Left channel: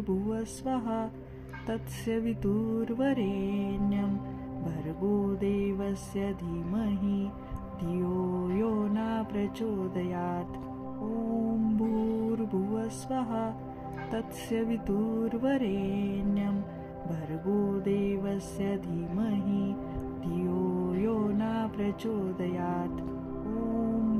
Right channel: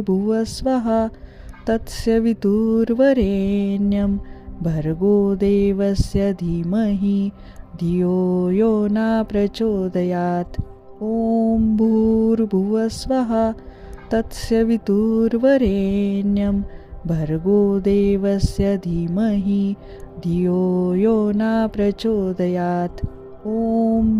भूर्भुवस्वः तत्सवितुर्वरेण्यं भर्गो देवस्य धीमहि धियो यो न प्रचोदयात्। ॐ भूर्भुवस्वः तत्सवितुर्वरेण्यं भर्गो देवस्य धीमहि धियो यो न प्रचोदयात्। ॐ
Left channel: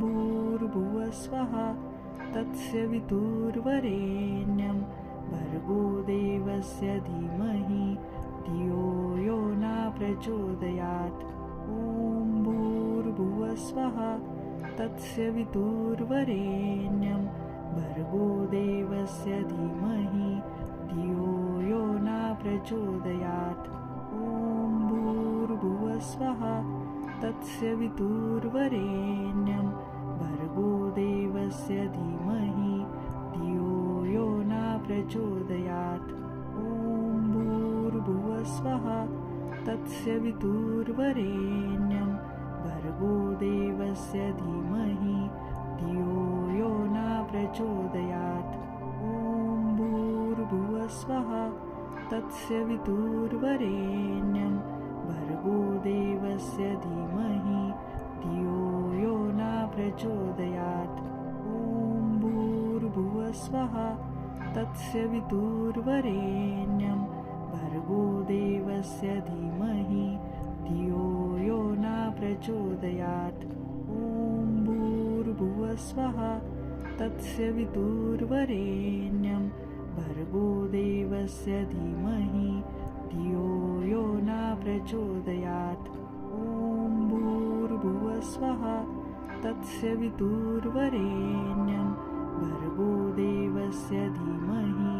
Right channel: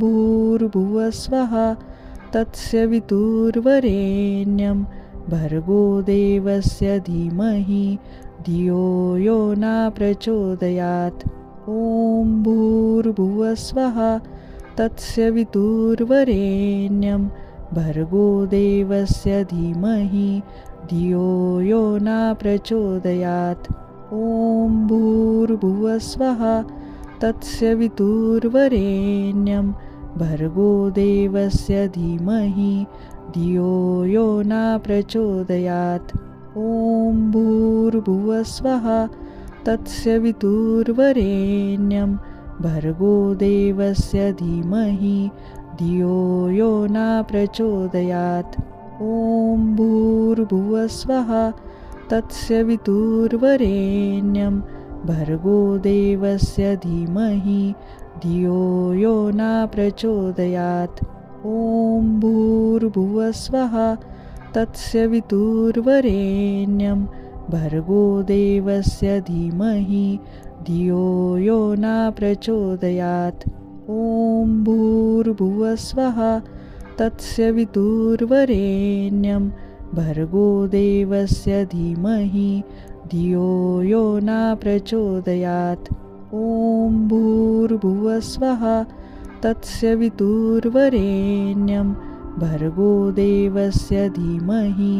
भूर्भुवस्वः तत्सवितुर्वरेण्यं भर्गो देवस्य धीमहि धियो यो न प्रचोदयात्। ॐ भूर्भुवस्वः तत्सवितुर्वरेण्यं भर्गो देवस्य धीमहि धियो यो न प्रचोदयात्। ॐ भूर्भुवस्वः तत्सवितुर्वरेण्यं भर्गो देवस्य धीमहि धियो यो न प्रचोदयात्। ॐ भूर्भुवस्वः तत्सवितुर्वरेण्यं भर्गो देवस्य धीमहि धियो यो न प्रचोदयात्। ॐ भूर्भुवस्वः तत्सवितुर्वरेण्यं भर्गो देवस्य धीमहि धियो यो न प्रचोदयात्। ॐ भूर्भुवस्वः तत्सवितुर्वरेण्यं भर्गो देवस्य धीमहि धियो यो न प्रचोदयात्। ॐ भूर्भुवस्वः तत्सवितुर्वरेण्यं भर्गो देवस्य धीमहि धियो यो न प्रचोदयात्। ॐ भूर्भुवस्वः तत्सवितुर्वरेण्यं भर्गो देवस्य धीमहि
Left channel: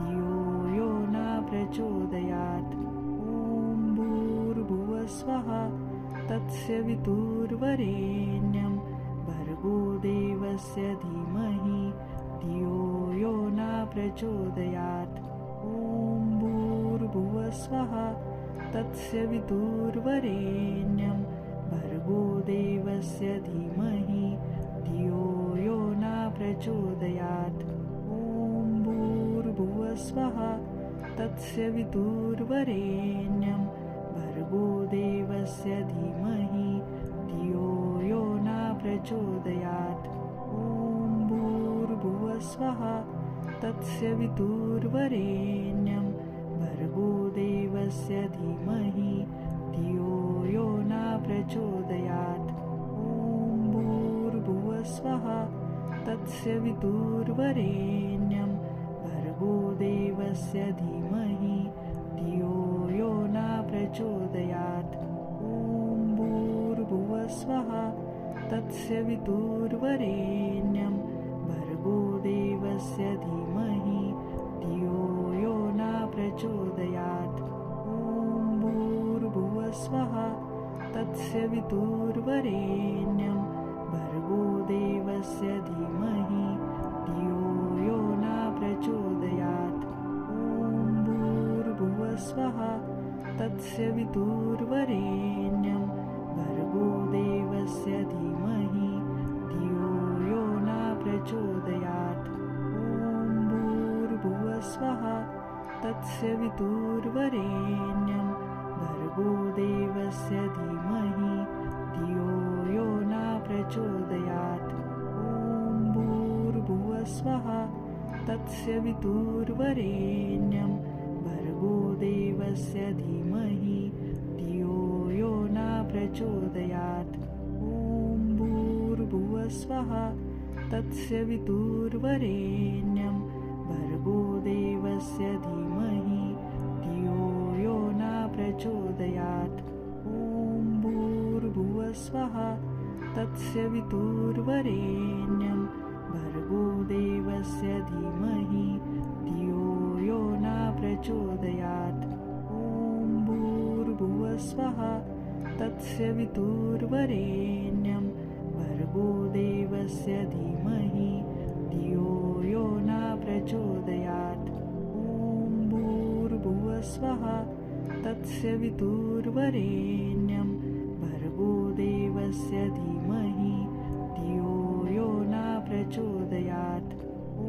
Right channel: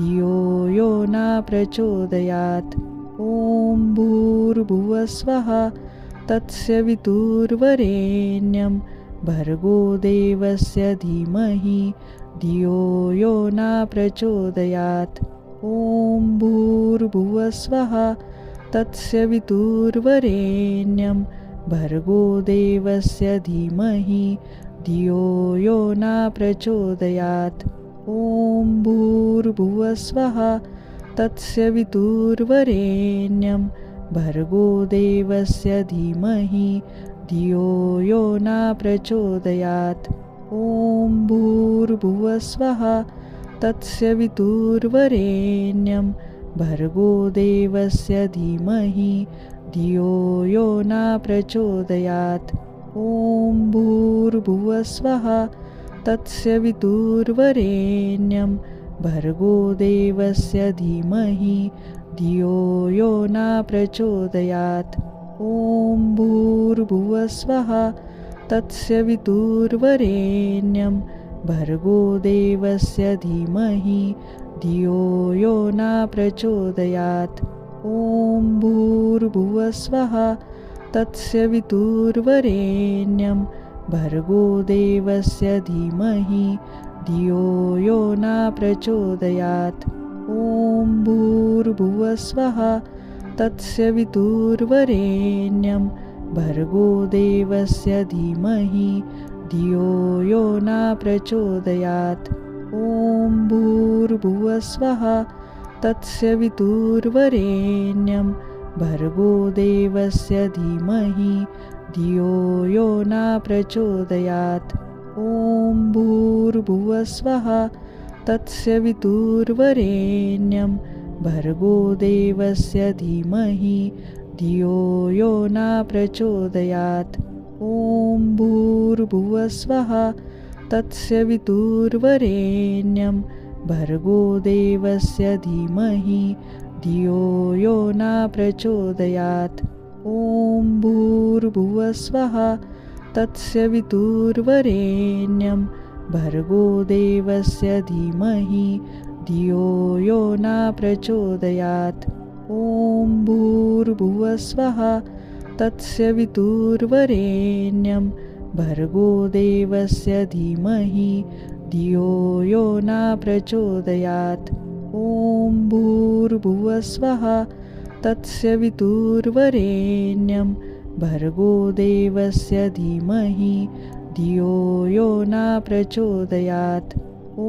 धियो यो न प्रचोदयात्। ॐ भूर्भुवस्वः तत्सवितुर्वरेण्यं भर्गो देवस्य धीमहि धियो यो न प्रचोदयात्। ॐ भूर्भुवस्वः तत्सवितुर्वरेण्यं भर्गो देवस्य धीमहि धियो यो न प्रचोदयात्। ॐ भूर्भुवस्वः तत्सवितुर्वरेण्यं भर्गो देवस्य धीमहि धियो यो न प्रचोदयात्। ॐ भूर्भुवस्वः तत्सवितुर्वरेण्यं भर्गो देवस्य धीमहि धियो यो न प्रचोदयात्। ॐ भूर्भुवस्वः तत्सवितुर्वरेण्यं भर्गो देवस्य धीमहि धियो यो न प्रचोदयात्। ॐ भूर्भुवस्वः तत्सवितुर्वरेण्यं भर्गो देवस्य धीमहि धियो यो न प्रचोदयात्। ॐ भूर्भुवस्वः तत्सवितुर्वरेण्यं भर्गो देवस्य धीमहि धियो यो न प्रचोदयात्। ॐ भूर्भुवस्वः तत्सवितुर्वरेण्यं भर्गो देवस्य धीमहि धियो यो न प्रचोदयात्। ॐ भूर्भुवस्वः तत्सवितुर्वरेण्यं भर्गो देवस्य धीमहि धियो यो न प्रचोदयात्। ॐ भूर्भुवस्वः तत्सवितुर्वरेण्यं भर्गो देवस्य धीमहि धियो यो न प्रचोदयात्। ॐ भूर्भुवस्वः तत्सवितुर्वरेण्यं भर्गो देवस्य धीमहि धियो यो न प्रचोदयात्। ॐ भूर्भुवस्वः तत्सवितुर्वरेण्यं भर्गो देवस्य धीमहि धियो यो न प्रचोदयात्। ॐ भूर्भुवस्वः तत्सवितुर्वरेण्यं भर्गो देवस्य धीमहि धियो यो न प्रचोदयात्। ॐ भूर्भुवस्वः तत्सवितुर्वरेण्यं भर्गो देवस्य धीमहि धियो यो न प्रचोदयात्। ॐ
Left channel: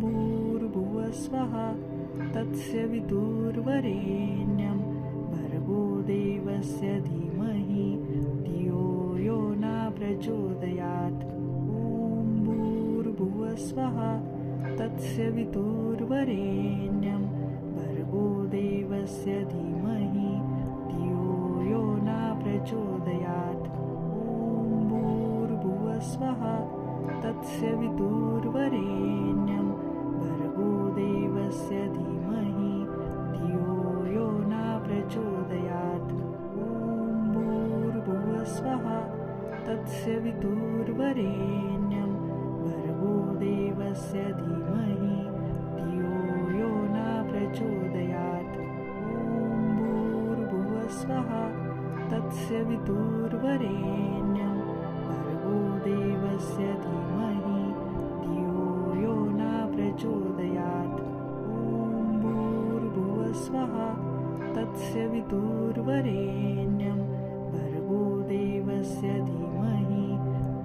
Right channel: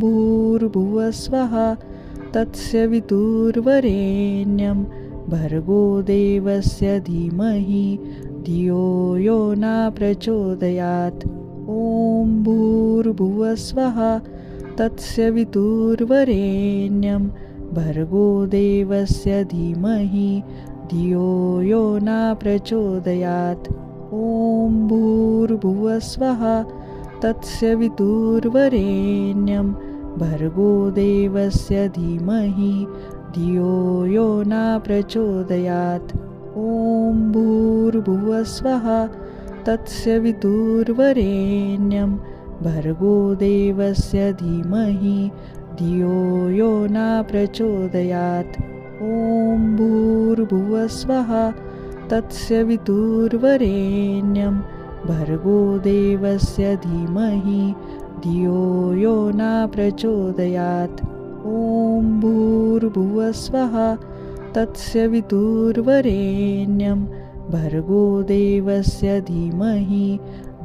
भूर्भुवस्वः तस्य वितुर्वरेण्यं भर्गो देवस्य धीमहि धियो यो न प्रचोदयात्। ॐ भूर्भुवस्वः तस्य वितुर्वरेण्यं भर्गो देवस्य धीमहि धियो यो न प्रचोदयात्। ॐ भूर्भुवस्वः तस्य वितुर्वरेण्यं भर्गो देवस्य धीमहि धियो यो न प्रचोदयात्। ॐ भूर्भुवस्वः तस्य वितुर्वरेण्यं भर्गो देवस्य धीमहि धियो यो न प्रचोदयात्। ॐ भूर्भुवस्वः तस्य वितुर्वरेण्यं भर्गो देवस्य धीमहि धियो यो न प्रचोदयात्। ॐ भूर्भुवस्वः तस्य वितुर्वरेण्यं भर्गो देवस्य धीमहि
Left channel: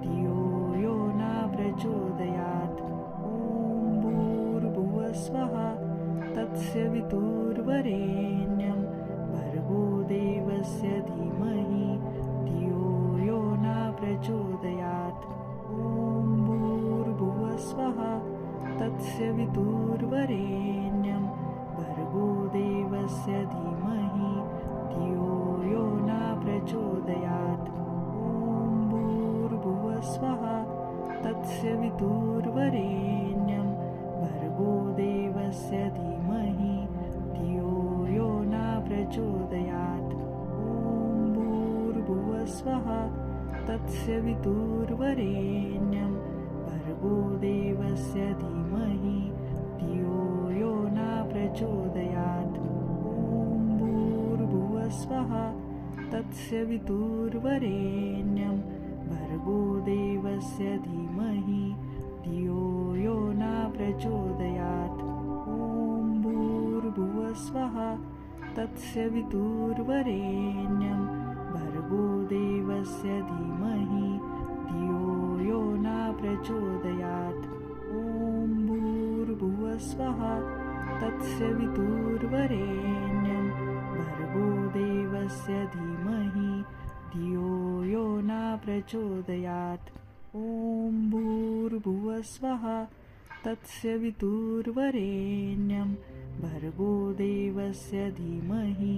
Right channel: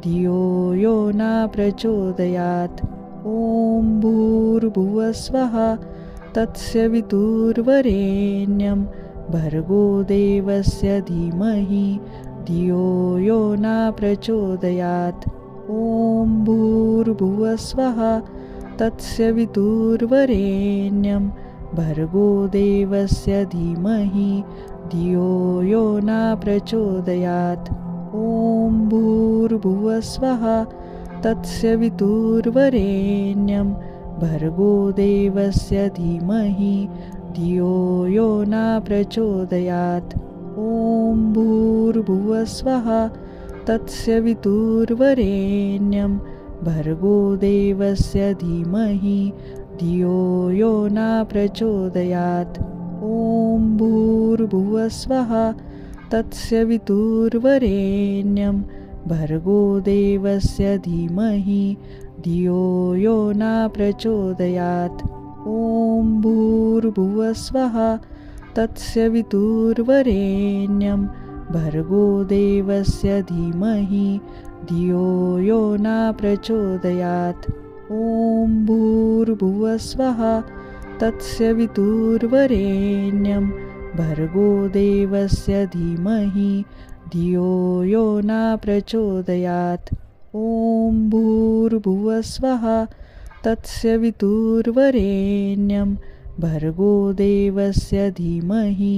धियो यो न प्रचोदयात्। ॐ भूर्भुवस्वः तस्य वितुर्वरेण्यं भर्गो देवस्य धीमहि धियो यो न प्रचोदयात्। ॐ भूर्भुवस्वः तस्य वितुर्वरेण्यं भर्गो देवस्य धीमहि धियो यो न प्रचोदयात्। ॐ भूर्भुवस्वः तस्य वितुर्वरेण्यं भर्गो देवस्य धीमहि धियो यो न प्रचोदयात्। ॐ भूर्भुवस्वः तस्य वितुर्वरेण्यं भर्गो देवस्य धीमहि धियो यो न प्रचोदयात्। ॐ भूर्भुवस्वः तस्य वितुर्वरेण्यं भर्गो देवस्य धीमहि धियो यो न प्रचोदयात्। ॐ भूर्भुवस्वः तस्य वितुर्वरेण्यं भर्गो देवस्य धीमहि धियो यो न प्रचोदयात्। ॐ भूर्भुवस्वः तस्य वितुर्वरेण्यं भर्गो देवस्य धीमहि धियो यो न प्रचोदयात्। ॐ भूर्भुवस्वः तस्य वितुर्वरेण्यं भर्गो देवस्य धीमहि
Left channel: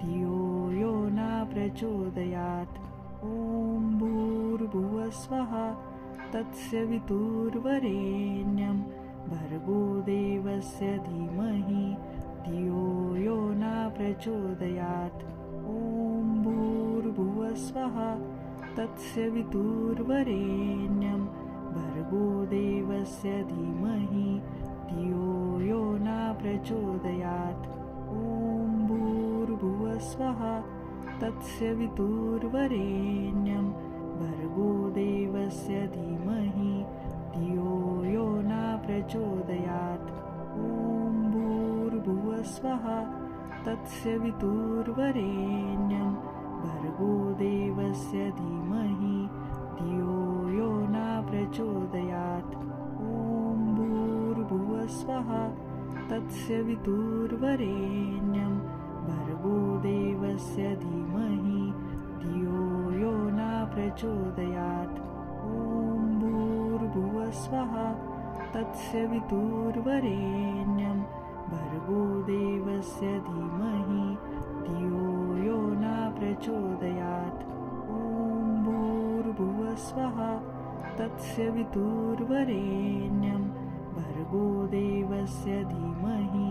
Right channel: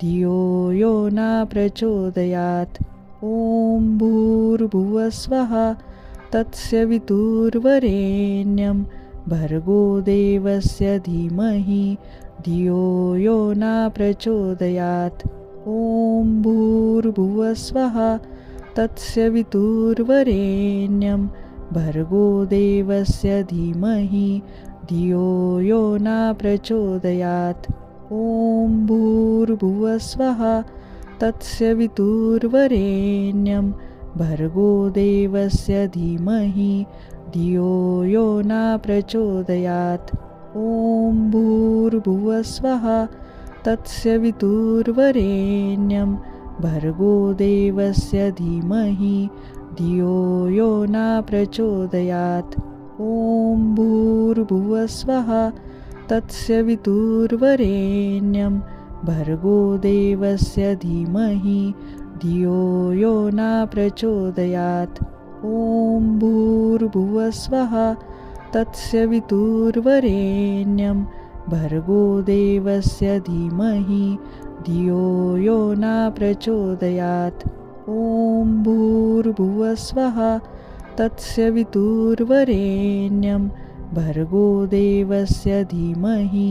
धियो यो न प्रचोदयात्। ॐ भूर्भुवस्वः तस्य वितुर्वरेण्यं भर्गो देवस्य धीमहि धियो यो न प्रचोदयात्। ॐ भूर्भुवस्वः तस्य वितुर्वरेण्यं भर्गो देवस्य धीमहि धियो यो न प्रचोदयात्। ॐ भूर्भुवस्वः तस्य वितुर्वरेण्यं भर्गो देवस्य धीमहि धियो यो न प्रचोदयात्। ॐ भूर्भुवस्वः तस्य वितुर्वरेण्यं भर्गो देवस्य धीमहि धियो यो न प्रचोदयात्। ॐ भूर्भुवस्वः तस्य वितुर्वरेण्यं भर्गो देवस्य धीमहि धियो यो न प्रचोदयात्। ॐ भूर्भुवस्वः तस्य वितुर्वरेण्यं भर्गो देवस्य धीमहि धियो यो न प्रचोदयात्। ॐ भूर्भुवस्वः तस्य वितुर्वरेण्यं भर्गो देवस्य धीमहि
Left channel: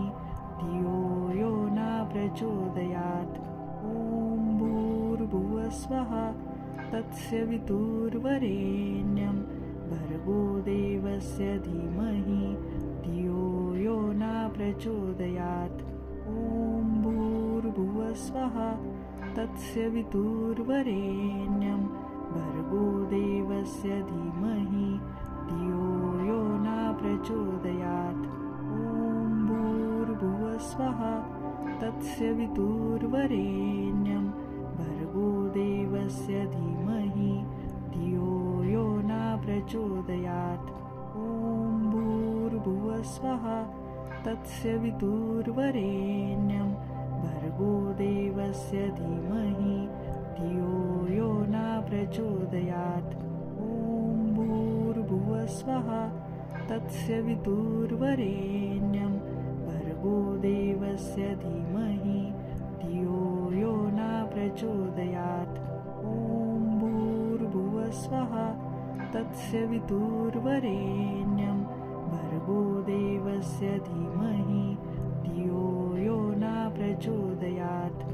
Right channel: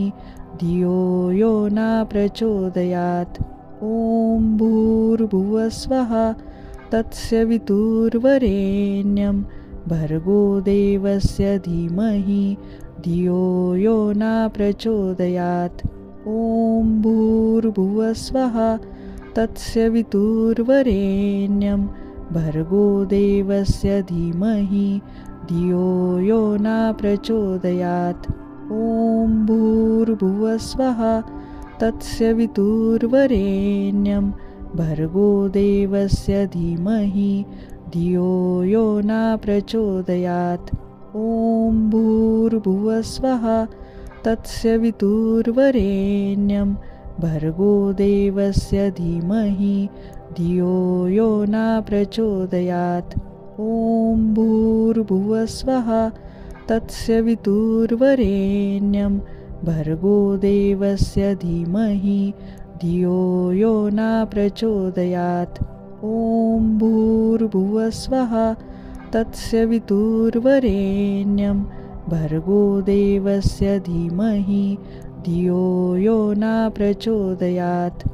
धियो यो न प्रचोदयात्। ॐ भूर्भुवस्वः तस्य वितुर्वरेण्यं भर्गो देवस्य धीमहि धियो यो न प्रचोदयात्। ॐ भूर्भुवस्वः तस्य वितुर्वरेण्यं भर्गो देवस्य धीमहि धियो यो न प्रचोदयात्। ॐ भूर्भुवस्वः तस्य वितुर्वरेण्यं भर्गो देवस्य धीमहि धियो यो न प्रचोदयात्। ॐ भूर्भुवस्वः तस्य वितुर्वरेण्यं भर्गो देवस्य धीमहि धियो यो न प्रचोदयात्। ॐ भूर्भुवस्वः तस्य वितुर्वरेण्यं भर्गो देवस्य धीमहि धियो यो न प्रचोदयात्। ॐ भूर्भुवस्वः तस्य वितुर्वरेण्यं भर्गो देवस्य धीमहि धियो यो न प्रचोदयात्।